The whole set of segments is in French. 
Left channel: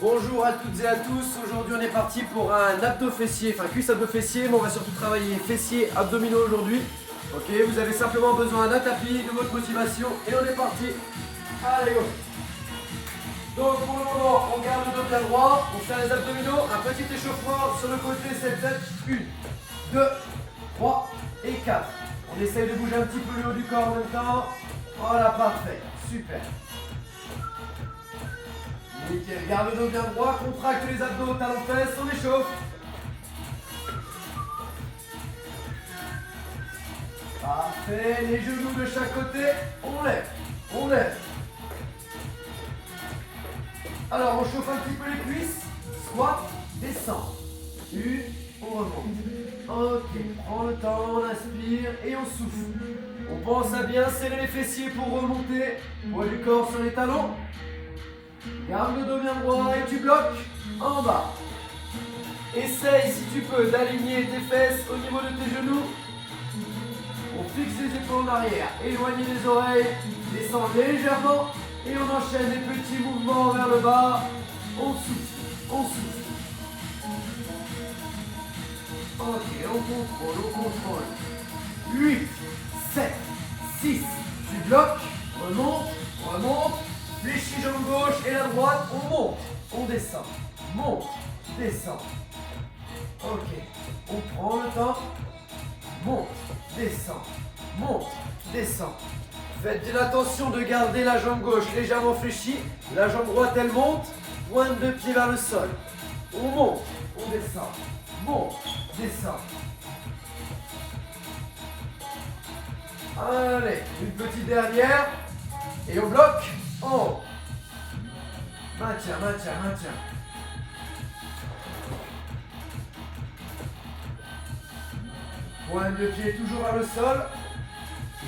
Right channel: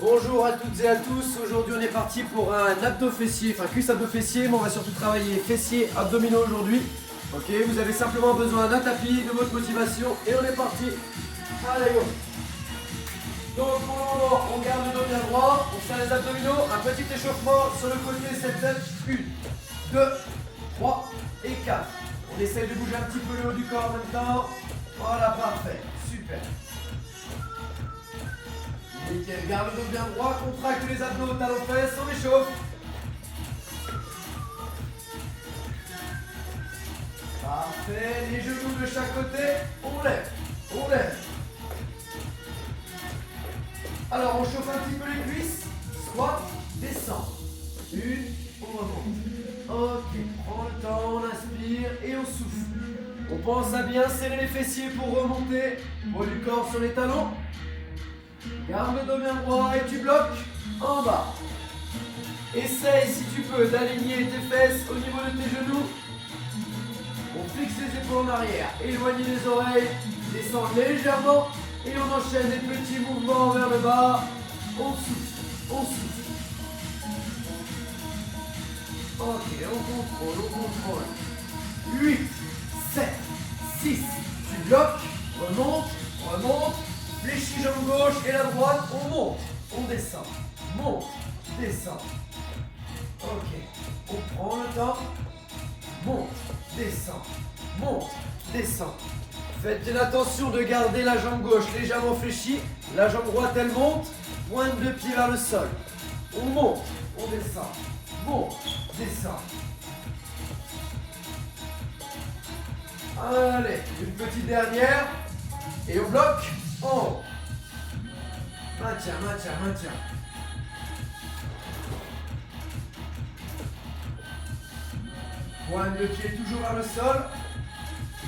Bonjour à toutes et à tous, aujourd'hui on est parti pour un abdos fessier, enfin cuisse abdos fessier, mais on va surtout travailler fessiers abdominaux aujourd'hui. Ok, vous avez simplement besoin d'un tapis, de votre motivation et on est parti. Allez go. Donc pour le moment, on garde le dos bien droit, on fait les abdominaux, un petit échauffement sur le côté, cette tête, 1, 2, 3 et 4. On essaye de bouger un petit peu le haut du corps en même temps. Voilà, parfait, super. Nickel, garde le dos bien droit, contracte les abdos, talons fesses, on échauffe. Parfait, les genoux de chaque côté, on lève, on lève. Alors on chauffe un petit peu les cuisses, squat, descend. Une, on remonte. Ok, prends le temps, on inspire et on souffle. On pense à bien serrer les fessiers pour remonter, poids du corps sur les talons. Garde le dos bien droit et tu bloques en bas. Essaye si tu peux d'aligner tes fesses au niveau de tes genoux. On fixe les épaules en arrière, éloigne les oreilles, descend légèrement et on enchaîne les petits mouvements vers le bas. On souffle, on souffle. Ok, on contrôle. 8, 7, 6, tu bloques, remonte, remonte. Fléchis jambe gauche et la droite, on monte, on descend, monte, descend. Ok, on prend le temps, monte, descend, monte, descend. Faites attention de garder la jambe gauche légèrement fléchie, la jambe droite elle monte, pointe de pied vers le sol. On monte, on descend, monte, descend. Allez, une petite dernière et on bloque. Oh. Maintien, maintien, maintien. Pointe de pied toujours vers le sol.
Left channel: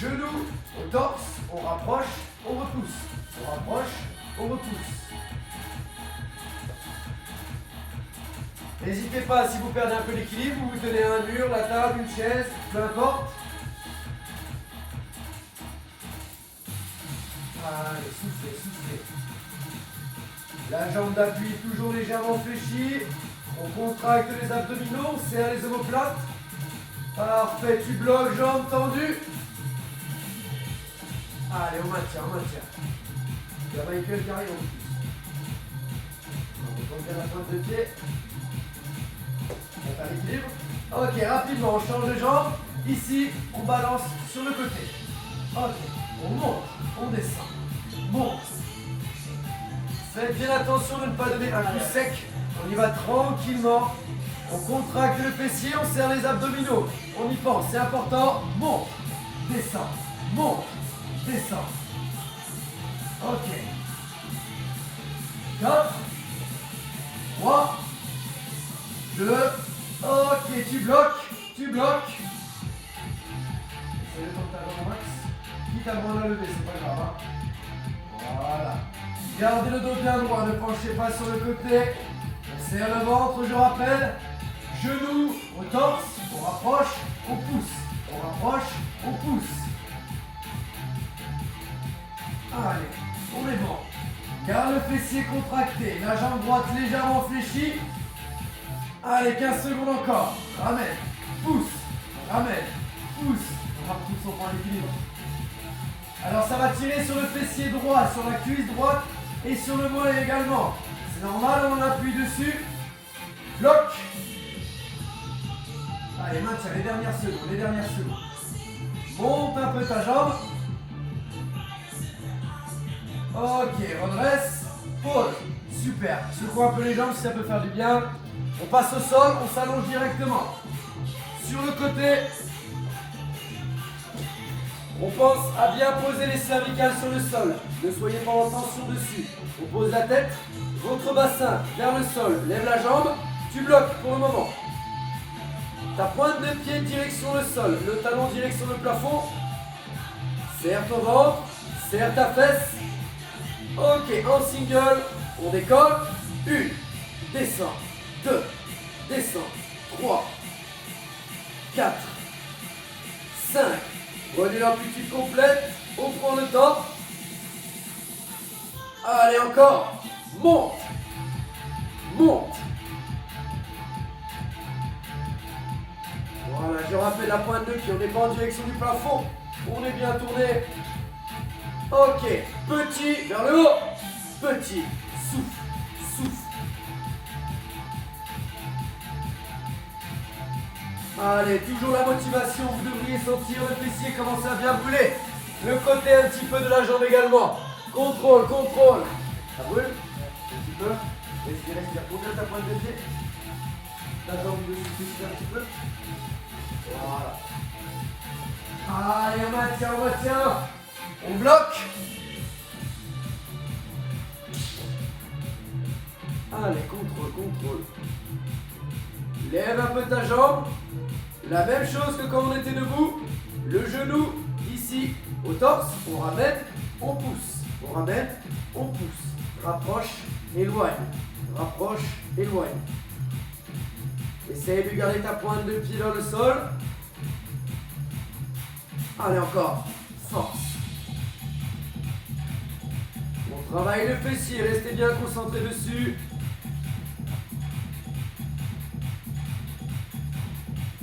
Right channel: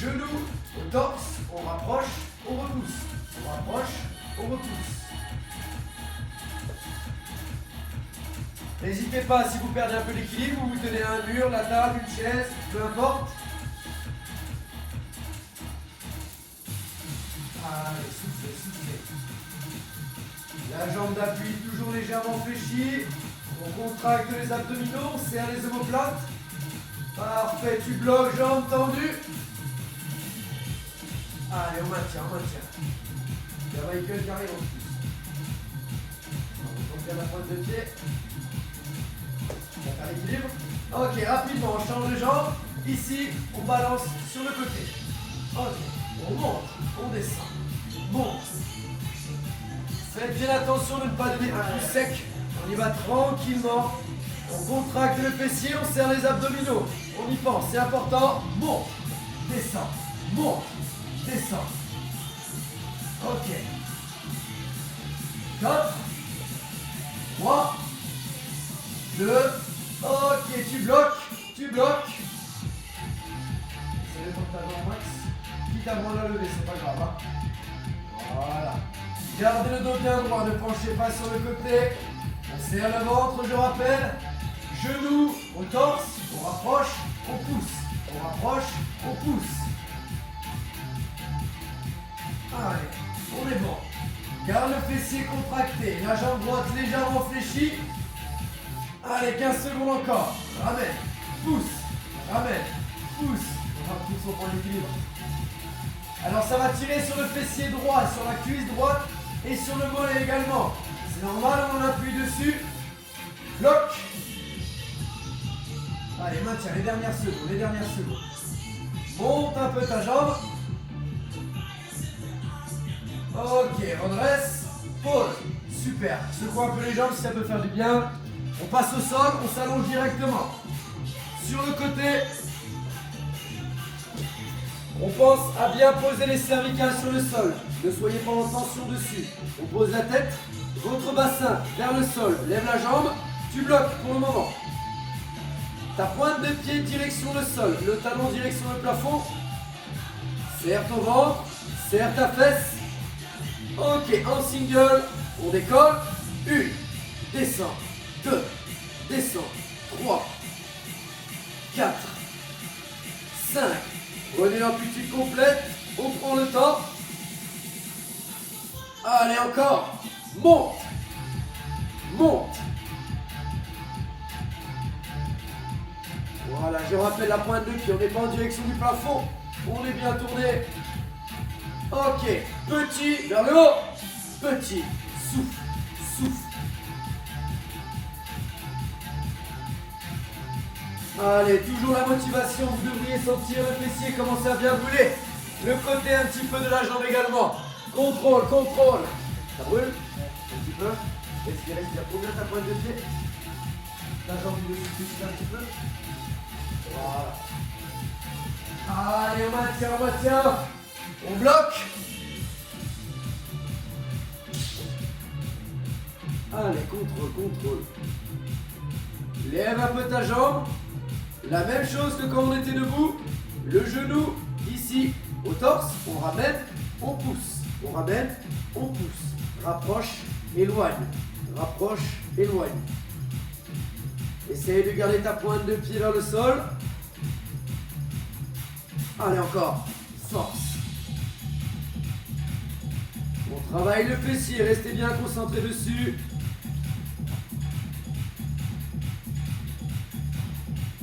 Genoux au torse. On rapproche, on repousse. On rapproche, on repousse. N'hésitez pas, si vous perdez un peu l'équilibre, vous vous tenez à un mur, la table, une chaise, peu importe. Allez, soufflez, soufflez. La jambe d'appui est toujours légèrement fléchie. On contracte les abdominaux, on serre les omoplates. Parfait, tu bloques, jambes tendues. Allez, on maintient, on maintient. Il y a les cuisses qui arrivent en plus. On fait la pointe de pied. On fait l'équilibre. Ok, rapidement, on change de jambe. Ici, on balance sur le côté. Ok, on monte, on descend. Monte. Faites bien attention de ne pas donner un coup sec. On y va tranquillement. On contracte le fessier, on serre les abdominaux. On y pense, c'est important. Monte, descend, monte, descend. Ok. 4, 3, 2, ok, tu bloques, tu bloques. Essaye de prendre ta jambe max. Quitte à moins la lever, c'est pas grave. Hein. Voilà. Gardez le dos bien droit, ne penchez pas sur le côté. On serre le ventre, je rappelle. Genoux au torse, on rapproche, on pousse. On rapproche, on pousse. Allez, on est bon. Garde le fessier contracté, la jambe droite légèrement fléchie. Allez, 15 secondes encore. Ramène, pousse, ramène, pousse. On repousse au point d'équilibre. Alors ça va tirer sur le fessier droit, sur la cuisse droite et sur le mollet également. C'est normal, on appuie dessus. Bloc. Allez, maintiens les dernières secondes, les dernières secondes. Monte un peu ta jambe. Ok, redresse. Pause. Super. Secoue un peu les jambes si ça peut faire du bien. On passe au sol, on s'allonge directement. Sur le côté. On pense à bien poser les cervicales sur le sol. Ne soyez pas en tension dessus. On pose la tête, votre bassin vers le sol. Lève la jambe, tu bloques pour le moment. Ta pointe de pied direction le sol, le talon direction le plafond. Serre ton ventre, serre ta fesse. Ok, en single, on décolle. 1, descend, 2, descend, 3, 4, 5. Revenue amplitude complète, on prend le temps. Allez, encore. Monte. rappelle la pointe de pied, on n'est pas en direction du plafond. On est bien tourné. Ok, petit, vers le haut. Petit, souffle, souffle. Allez, toujours la motivation, vous devriez sentir le fessier commencer à bien brûler. Le côté un petit peu de la jambe également. Contrôle, contrôle. Ça brûle? Un petit peu. Respire, respire. Pose ta pointe de pied. La jambe de fessier un petit peu. Voilà. Allez, on maintient, on maintient. On bloque. Allez, contrôle, contrôle. Lève un peu ta jambe. La même chose que quand on était debout. Le genou ici au torse. On ramène, on pousse. On ramène, on pousse. Rapproche, éloigne. Rapproche, éloigne. Essaye de garder ta pointe de pied dans le sol. Allez, encore. Force. On travaille le fessier. Restez bien concentrés dessus.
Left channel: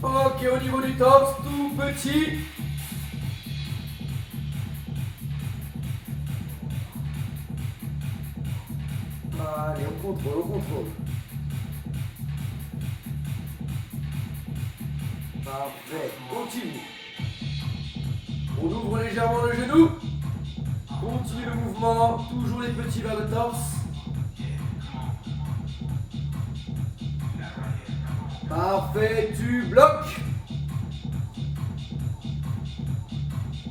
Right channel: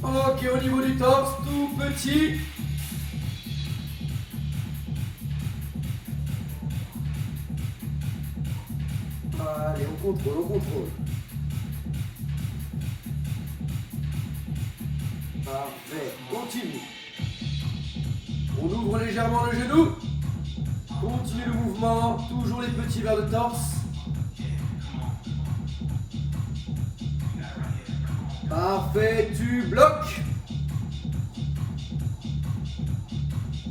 Ok, au niveau du torse, tout petit. Allez, on contrôle, on contrôle. Parfait, continue. On ouvre légèrement le genou. Continue le mouvement, toujours les petits vers le torse. Parfait, tu bloques.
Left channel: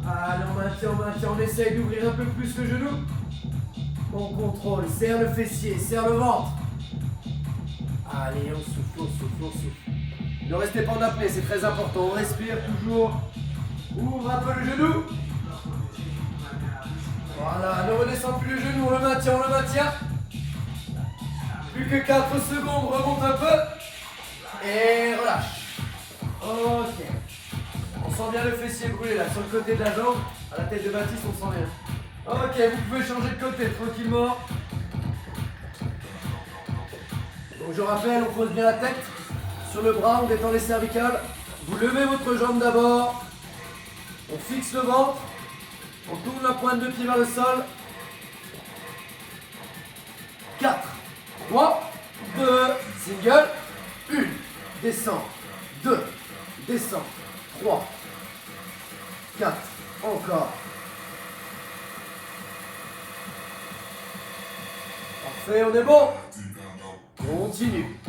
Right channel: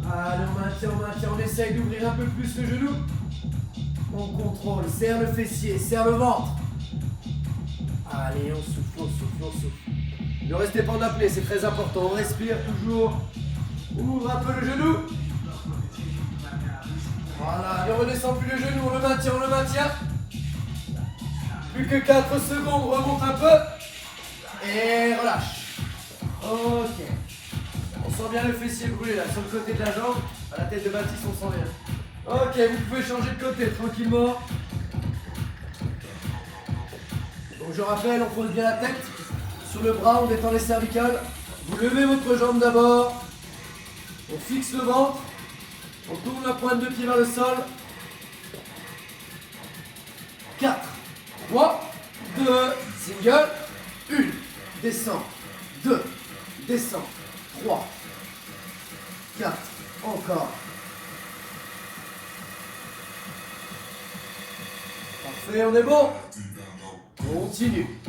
Allez, on maintient, on essaye d'ouvrir un peu plus le genou. On contrôle, serre le fessier, serre le ventre. Allez, on souffle, on souffle, on souffle. Ne restez pas en apnée, c'est très important. On respire toujours. Ouvre un peu le genou. Voilà, ne redescend plus le genou, on le maintient, on le maintient. Plus que 4 secondes, remonte un peu. Et relâche. Ok. On sent bien le fessier brûler là, sur le côté de la jambe. À la tête de Baptiste, on sent bien. Ok, vous pouvez changer de côté tranquillement. Donc je rappelle, on pose bien la tête sur le bras, on détend les cervicales. Vous levez votre jambe d'abord. On fixe le ventre. On tourne la pointe de pied vers le sol. 4, 3, 2, single, 1, descend, 2, descend, 3, 4, encore. Parfait, on est bon. Continue.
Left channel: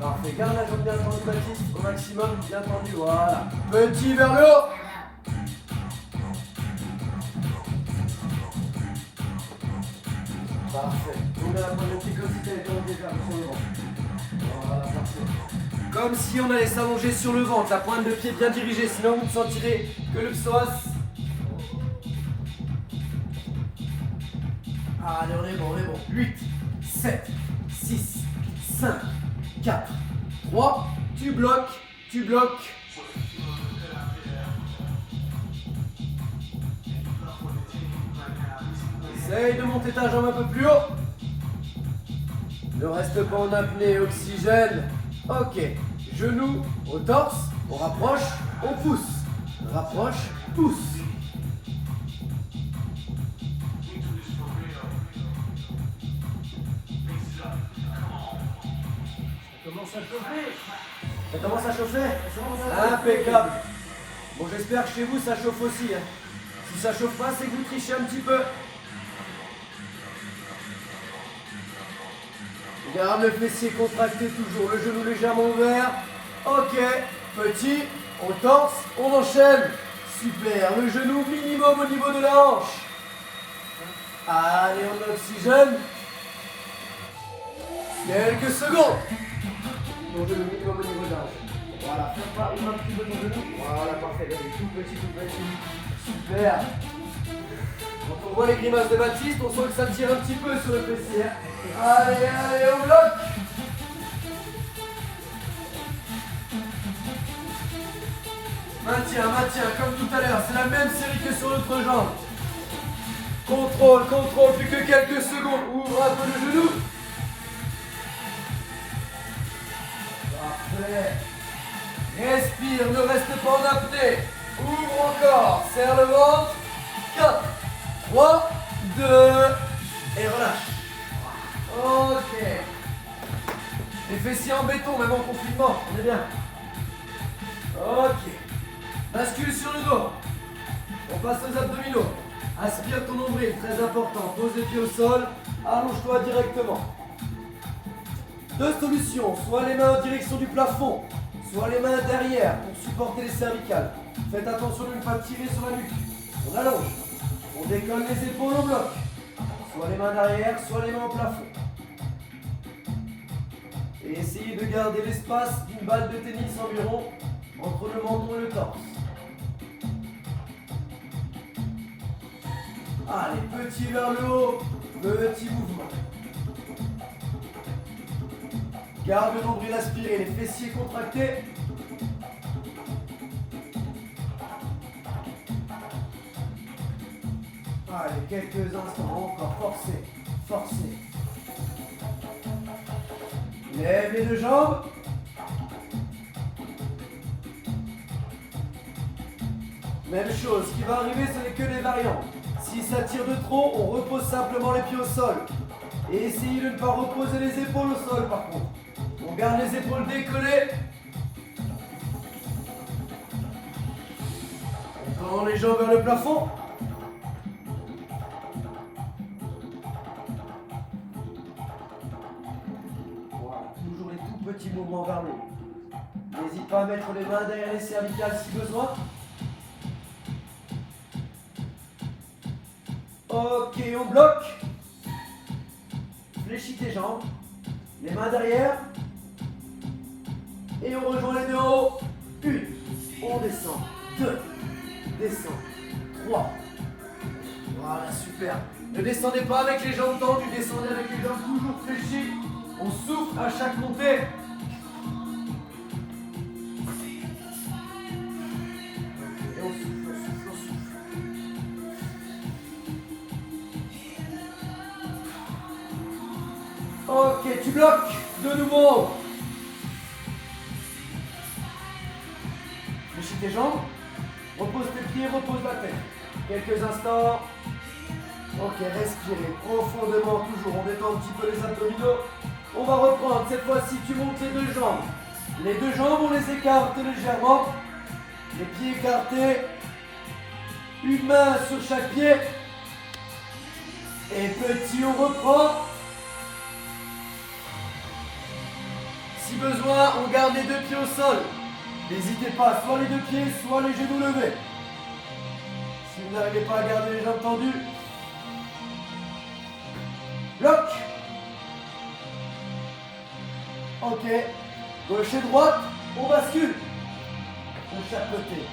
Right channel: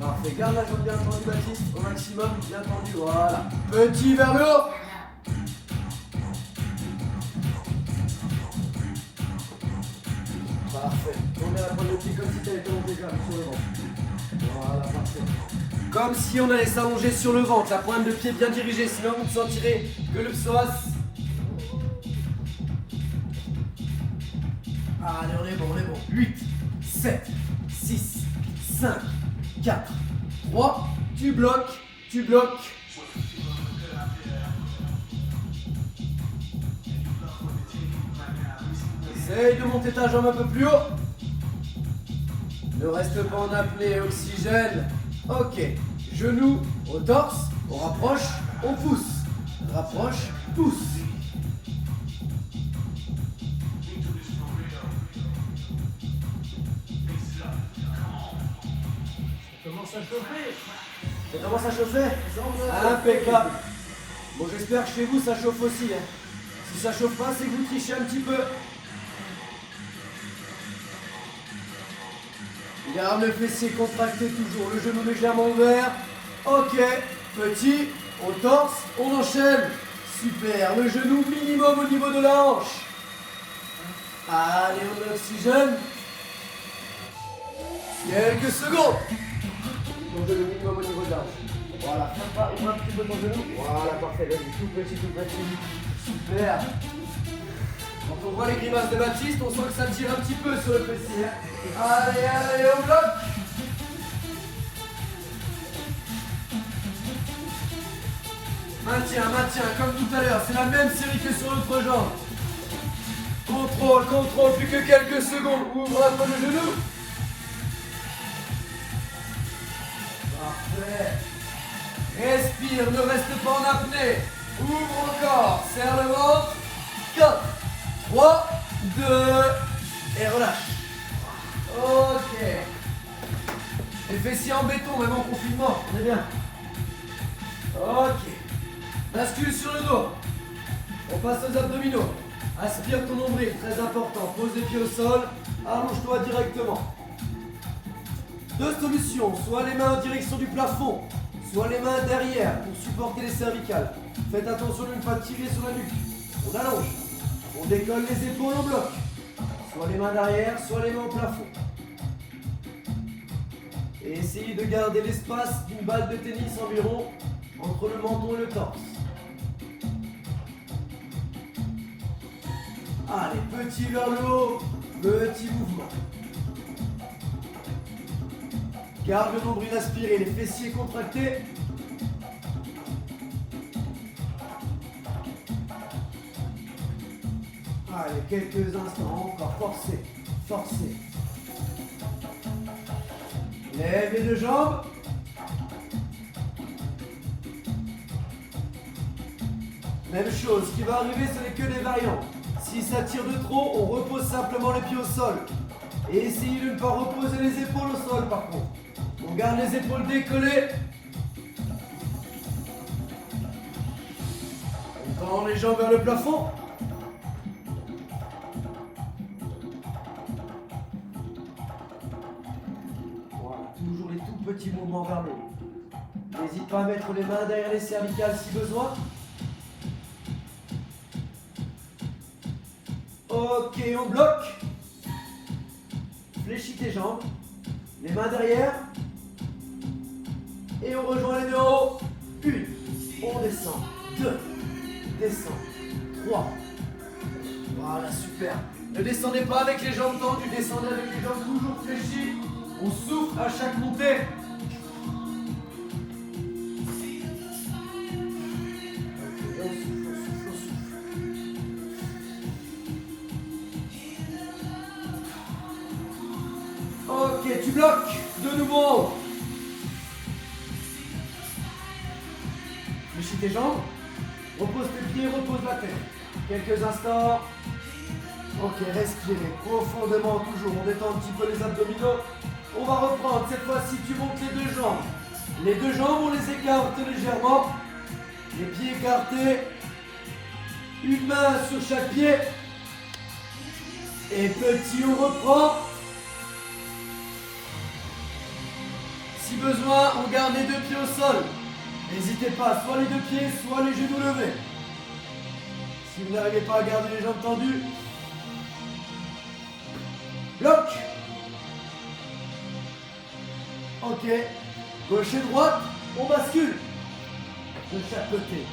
Parfait, garde la jambe bien tendue, Baptiste, au maximum, bien tendu, voilà. Petit vers le haut. Parfait. On met la pointe de pied comme si tu allais t'allonger sur le ventre. Voilà, parfait. Comme si on allait s'allonger sur le ventre, la pointe de pied bien dirigée, sinon vous ne sentirez que le psoas. Allez, on est bon, on est bon. 8, 7, 6, 5, 4, 3, tu bloques, tu bloques. Essaye de monter ta jambe un peu plus haut. Ne reste pas en apnée, oxygène. Ok, genoux au torse, on rapproche, on pousse. Rapproche, pousse. Ça commence à chauffer. Ça commence à chauffer. Impeccable. Bon, j'espère que chez vous ça chauffe aussi. Hein. Si ça chauffe pas, c'est que vous trichez un petit peu. Garde le fessier contracté toujours, le genou légèrement ouvert. Ok, petit, au torse, on enchaîne. Super, le genou minimum au niveau de la hanche. Allez, on oxygène. Quelques secondes. Ton genou minimum au niveau de la hanche. Voilà, ouvre un petit peu ton genou. Voilà, parfait, vas-y, tout petit, tout petit. Super. Quand on voit les grimaces de Baptiste, on sent que ça tire un petit peu sur le fessier. Allez, allez, on bloque. Maintiens, maintiens, comme tout à l'heure. C'est la même série que sur l'autre jambe. Contrôle, contrôle, plus que quelques secondes. Ouvre un peu le genou. Parfait. Respire, ne reste pas en apnée. Ouvre encore, serre le ventre. 4, 3, 2, et relâche. Ok. Les fessiers en béton, même en confinement, on est bien. Ok. Bascule sur le dos. On passe aux abdominaux. Aspire ton nombril, très important. Pose les pieds au sol. Allonge-toi directement. Deux solutions. Soit les mains en direction du plafond, soit les mains derrière pour supporter les cervicales. Faites attention de ne pas tirer sur la nuque. On allonge. On décolle les épaules au bloc. Soit les mains derrière, soit les mains au plafond. Et essayez de garder l'espace d'une balle de tennis environ entre le menton et le torse. Allez, petit vers le haut, petit mouvement. Garde le nombril aspiré, les fessiers contractés. Allez, quelques instants, encore forcez, forcez. Lève les deux jambes. Même chose, ce qui va arriver, ce n'est que des variantes. Si ça tire de trop, on repose simplement les pieds au sol. Et essayez de ne pas reposer les épaules au sol par contre. On garde les épaules décollées. On tend les jambes vers le plafond. Voilà, toujours les tout petits mouvements vers le haut. N'hésite pas à mettre les mains derrière les cervicales si besoin. Ok, on bloque. Fléchis tes jambes. Les mains derrière. Et on rejoint les deux en haut. 1. On descend. 2. Descend. 3. Voilà, super. Ne descendez pas avec les jambes tendues. Descendez avec les jambes toujours fléchies. On souffle à chaque montée. Et on souffle, on souffle, on souffle. Ok, tu bloques de nouveau. Fléchis tes jambes. Repose tes pieds, repose la tête. Quelques instants. Ok, respirez profondément toujours. On détend un petit peu les abdominaux. On va reprendre. Cette fois-ci, tu montes les deux jambes. Les deux jambes, on les écarte légèrement. Les pieds écartés. Une main sur chaque pied. Et petit, on reprend. Si besoin, on garde les deux pieds au sol. N'hésitez pas, soit les deux pieds, soit les genoux levés. Si vous n'arrivez pas à garder les jambes tendues, bloc. Ok. Gauche et droite, on bascule. De chaque côté.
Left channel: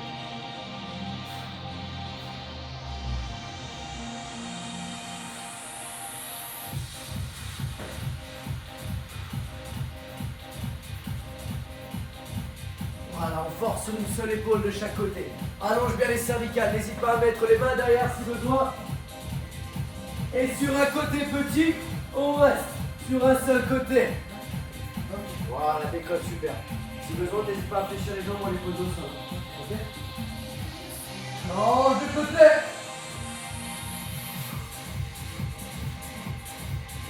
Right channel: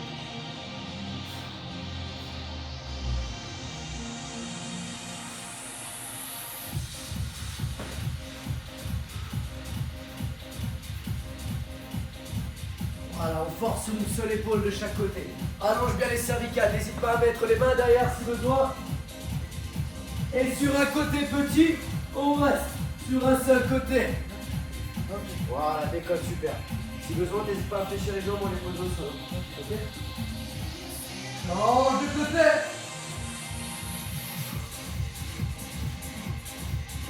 Voilà, on force une seule épaule de chaque côté. Allonge bien les cervicales, n'hésite pas à mettre les mains derrière si besoin. Et sur un côté petit, on reste sur un seul côté. Voilà, décolle, super. Si besoin, n'hésite pas à fléchir les jambes, on les pose au sol. Ok. Change de côté.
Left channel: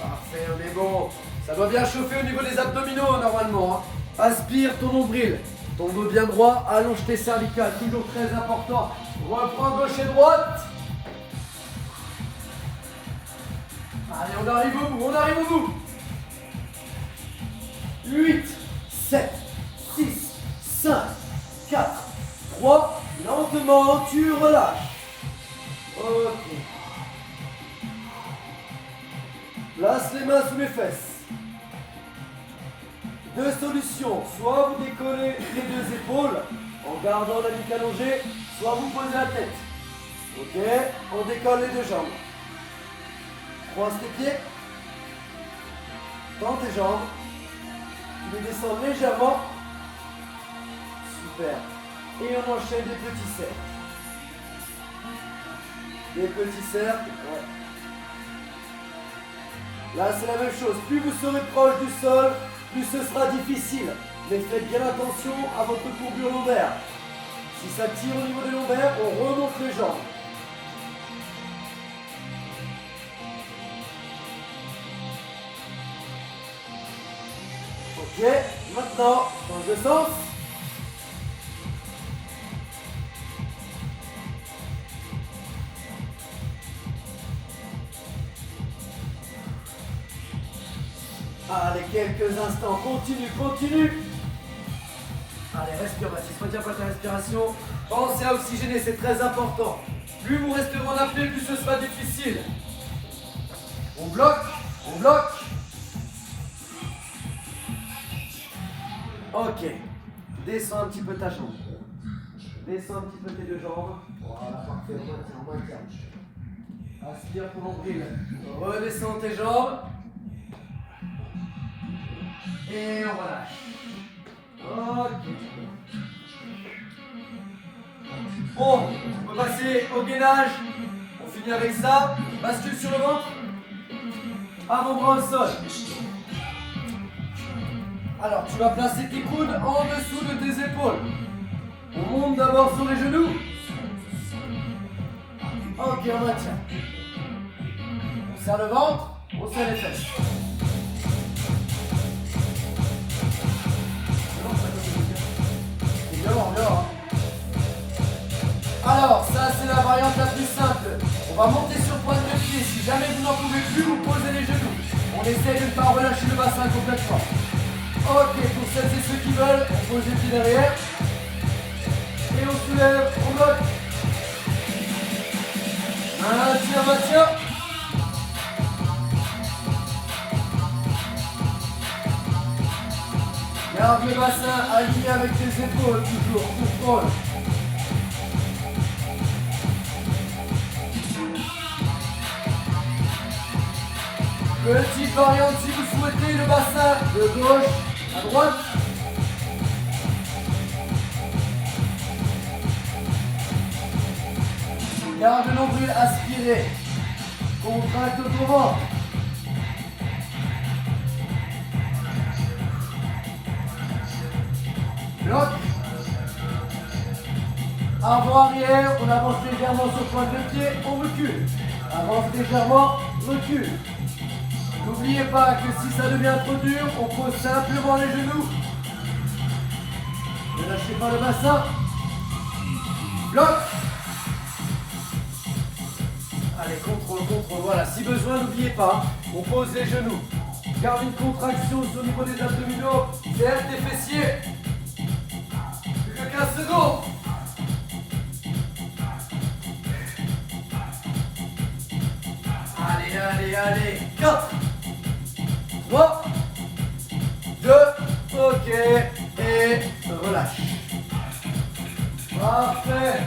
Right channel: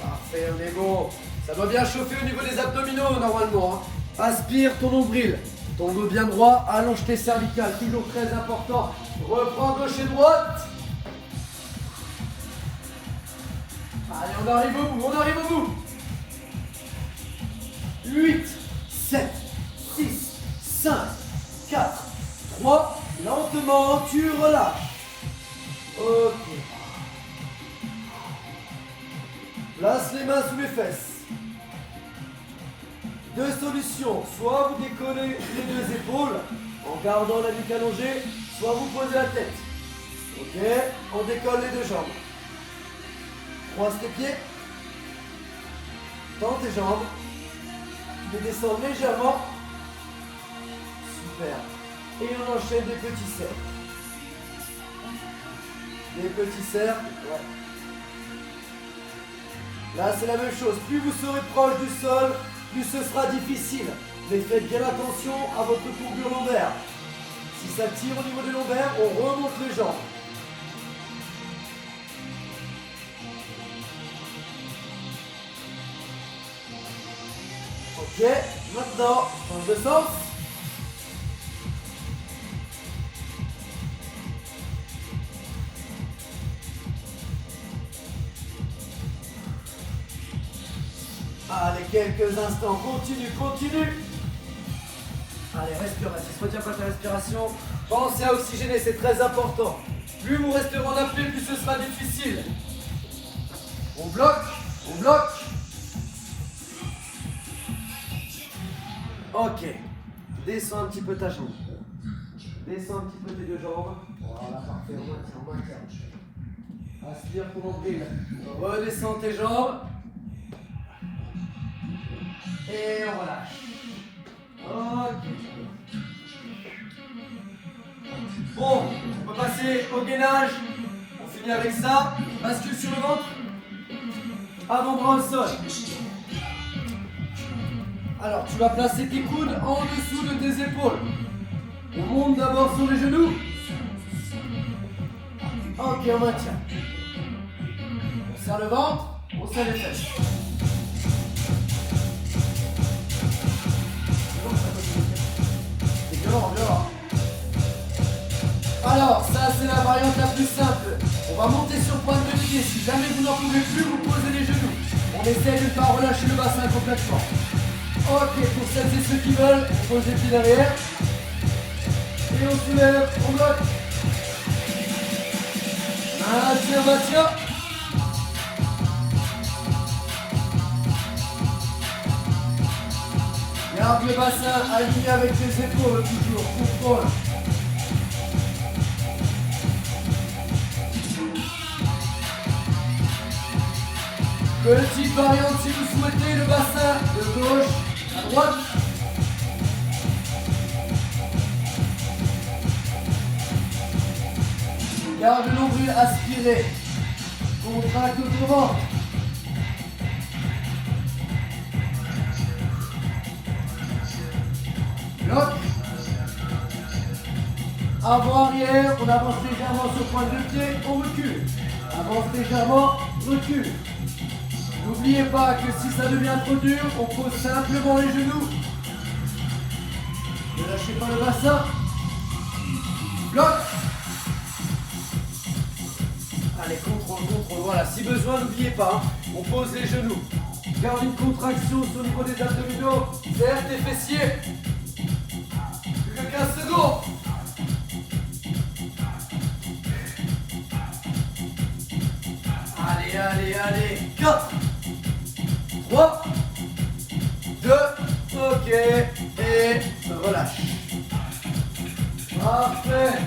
Parfait, on est bon. Ça doit bien chauffer au niveau des abdominaux normalement. Hein. Aspire ton nombril. Ton dos bien droit, allonge tes cervicales, toujours très important. Reprends gauche et droite. Allez, on arrive au bout, on arrive au bout. 8, 7, 6, 5, 4, 3. Lentement, tu relâches. Ok. Place les mains sous les fesses. Deux solutions, soit vous décollez les deux épaules en gardant la nuque allongée, soit vous posez la tête. Ok, on décolle les deux jambes. Croise tes pieds. Tends tes jambes. Tu les descends légèrement. Super. Et on enchaîne des petits cercles. des petits cercles. Ouais. Là, c'est la même chose. Plus vous serez proche du sol, plus ce sera difficile. Mais faites bien attention à votre courbure lombaire. Si ça tire au niveau des lombaires, on remonte les jambes. Ok, maintenant, change de sens. Allez, quelques instants, continue, continue. Allez, respire, Mathis, retiens pas ta respiration. Pensez à oxygéner, c'est très important. Plus vous resterez en appui, plus ce sera difficile. On bloque, on bloque. Ok, descends un petit peu ta jambe. Descends un petit peu tes deux jambes. Voilà, parfait, on maintient. Aspire ton nombril. Redescends tes jambes. Et on relâche. Ok. Bon, on va passer au gainage. On finit avec ça. Bascule sur le ventre. Avant-bras au sol. Alors, tu vas placer tes coudes en dessous de tes épaules. On monte d'abord sur les genoux. Ok, on maintient. On serre le ventre, on serre les fesses. Dehors. Alors, ça c'est la variante la plus simple. On va monter sur pointe de pied. Si jamais vous n'en pouvez plus, vous posez les genoux. On essaye de ne pas relâcher le bassin complètement. Ok, pour celles et ceux qui veulent, on pose les pieds derrière. Et on soulève, on bloque. Maintien. Garde le bassin aligné avec tes épaules, toujours, contrôle. Petite variante si vous souhaitez, le bassin de gauche à droite. Garde le nombril aspiré. Contracte ton ventre. Bloc. Avant-arrière, on avance légèrement sur pointe de pied, on recule. Avance légèrement, recule. N'oubliez pas que si ça devient trop dur, on pose simplement les genoux. Ne lâchez pas le bassin. Bloc. Allez, contrôle, voilà. Si besoin, n'oubliez pas, on pose les genoux. Garde une contraction sur le niveau des abdominaux. Serre tes fessiers. Plus que 15 secondes. Allez. 4, 3, 2, ok. Et relâche. Parfait.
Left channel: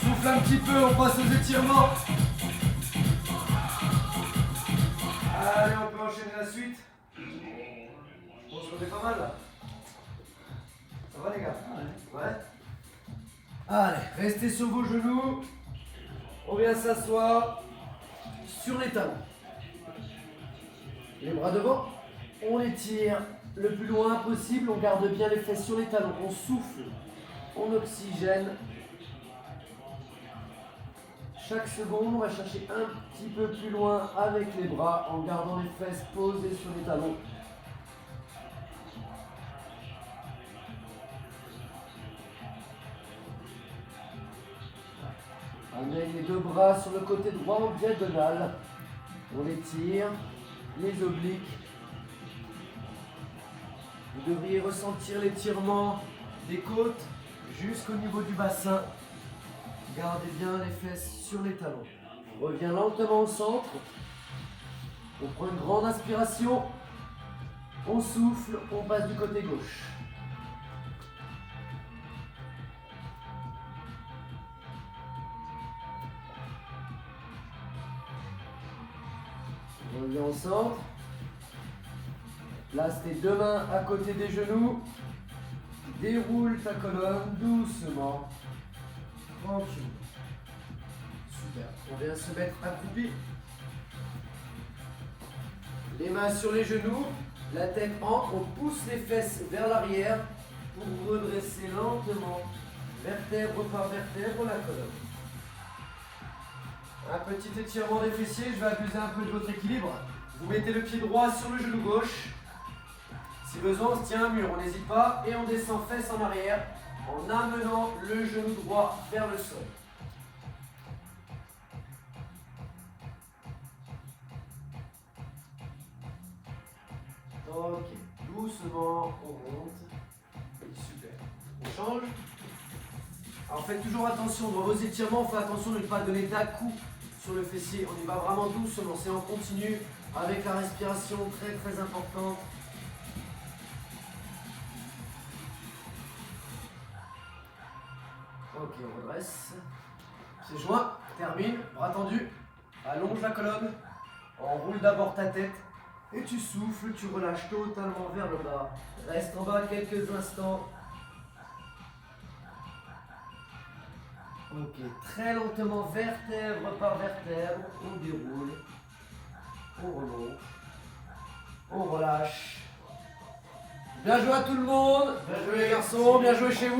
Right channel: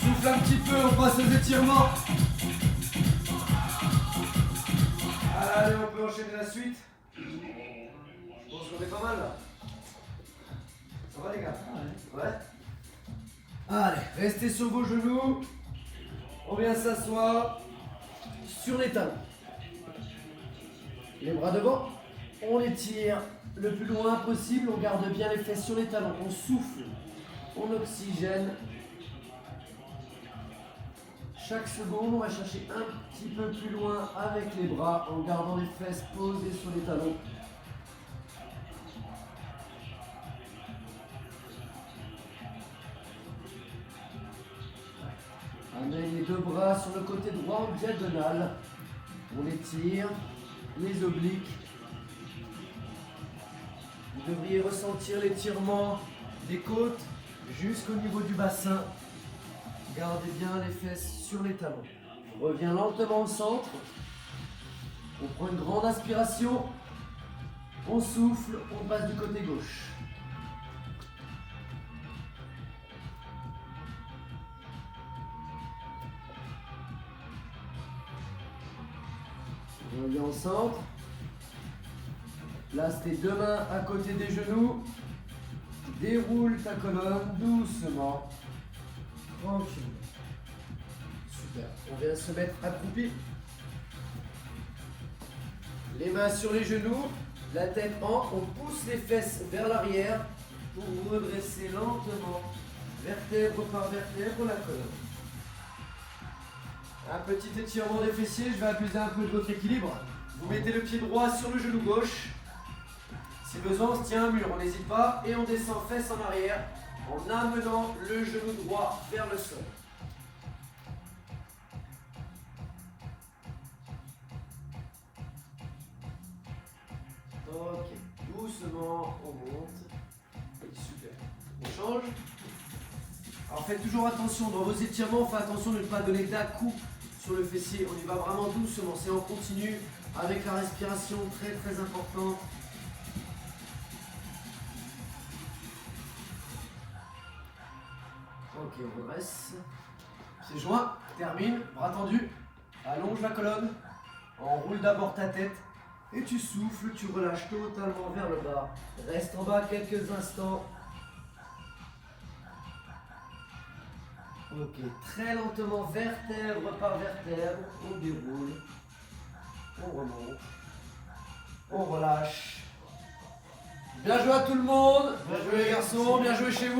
Souffle un petit peu, on passe aux étirements. Allez, on peut enchaîner la suite. Je pense qu'on est pas mal là. Ça va les gars? Ouais. Allez, restez sur vos genoux. On vient s'asseoir sur les talons. Les bras devant. On les tire le plus loin possible. On garde bien les fesses sur les talons. On souffle. On oxygène. Chaque seconde, on va chercher un petit peu plus loin avec les bras en gardant les fesses posées sur les talons. On met les deux bras sur le côté droit en diagonale. On étire les obliques. Vous devriez ressentir l'étirement des côtes jusqu'au niveau du bassin. Gardez bien les fesses sur les talons. On revient lentement au centre. On prend une grande inspiration. On souffle, on passe du côté gauche. On revient au centre. Place tes deux mains à côté des genoux. Déroule ta colonne doucement. Tranquille. Super. On vient se mettre accroupi. Les mains sur les genoux, la tête en, on pousse les fesses vers l'arrière pour redresser lentement, vertèbre par vertèbre, la colonne. Un petit étirement des fessiers, je vais abuser un peu de votre équilibre. Vous mettez le pied droit sur le genou gauche. Si besoin, on se tient un mur, on n'hésite pas et on descend fesses en arrière en amenant le genou droit vers le sol. Ok, doucement, on monte. Super. On change. Alors faites toujours attention, dans vos étirements, faites attention de ne pas donner d'à-coups sur le fessier. On y va vraiment doucement, c'est en continu, avec la respiration très très importante. Ok, on redresse. C'est joint, termine, bras tendus, allonge la colonne, enroule d'abord ta tête. Et tu souffles, tu relâches totalement vers le bas. Reste en bas quelques instants. Ok, très lentement, vertèbre par vertèbre, on déroule, on remonte, on relâche. Bien joué à tout le monde, bien joué les garçons, bien joué chez vous.